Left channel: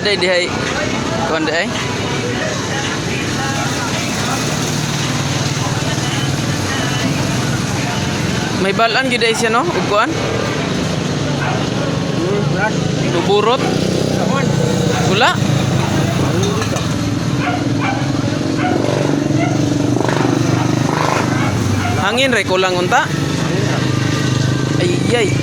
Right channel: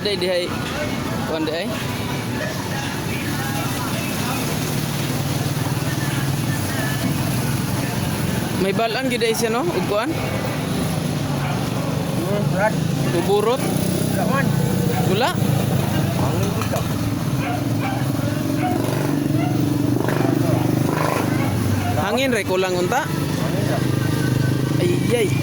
Ada di hay. Kuan di ay. May balan gyud ay siya no, ug kuan. Brad, Buburot. kamon. Wala. Ano dito? Hangin re kulang unta. Ano na? Ay ay.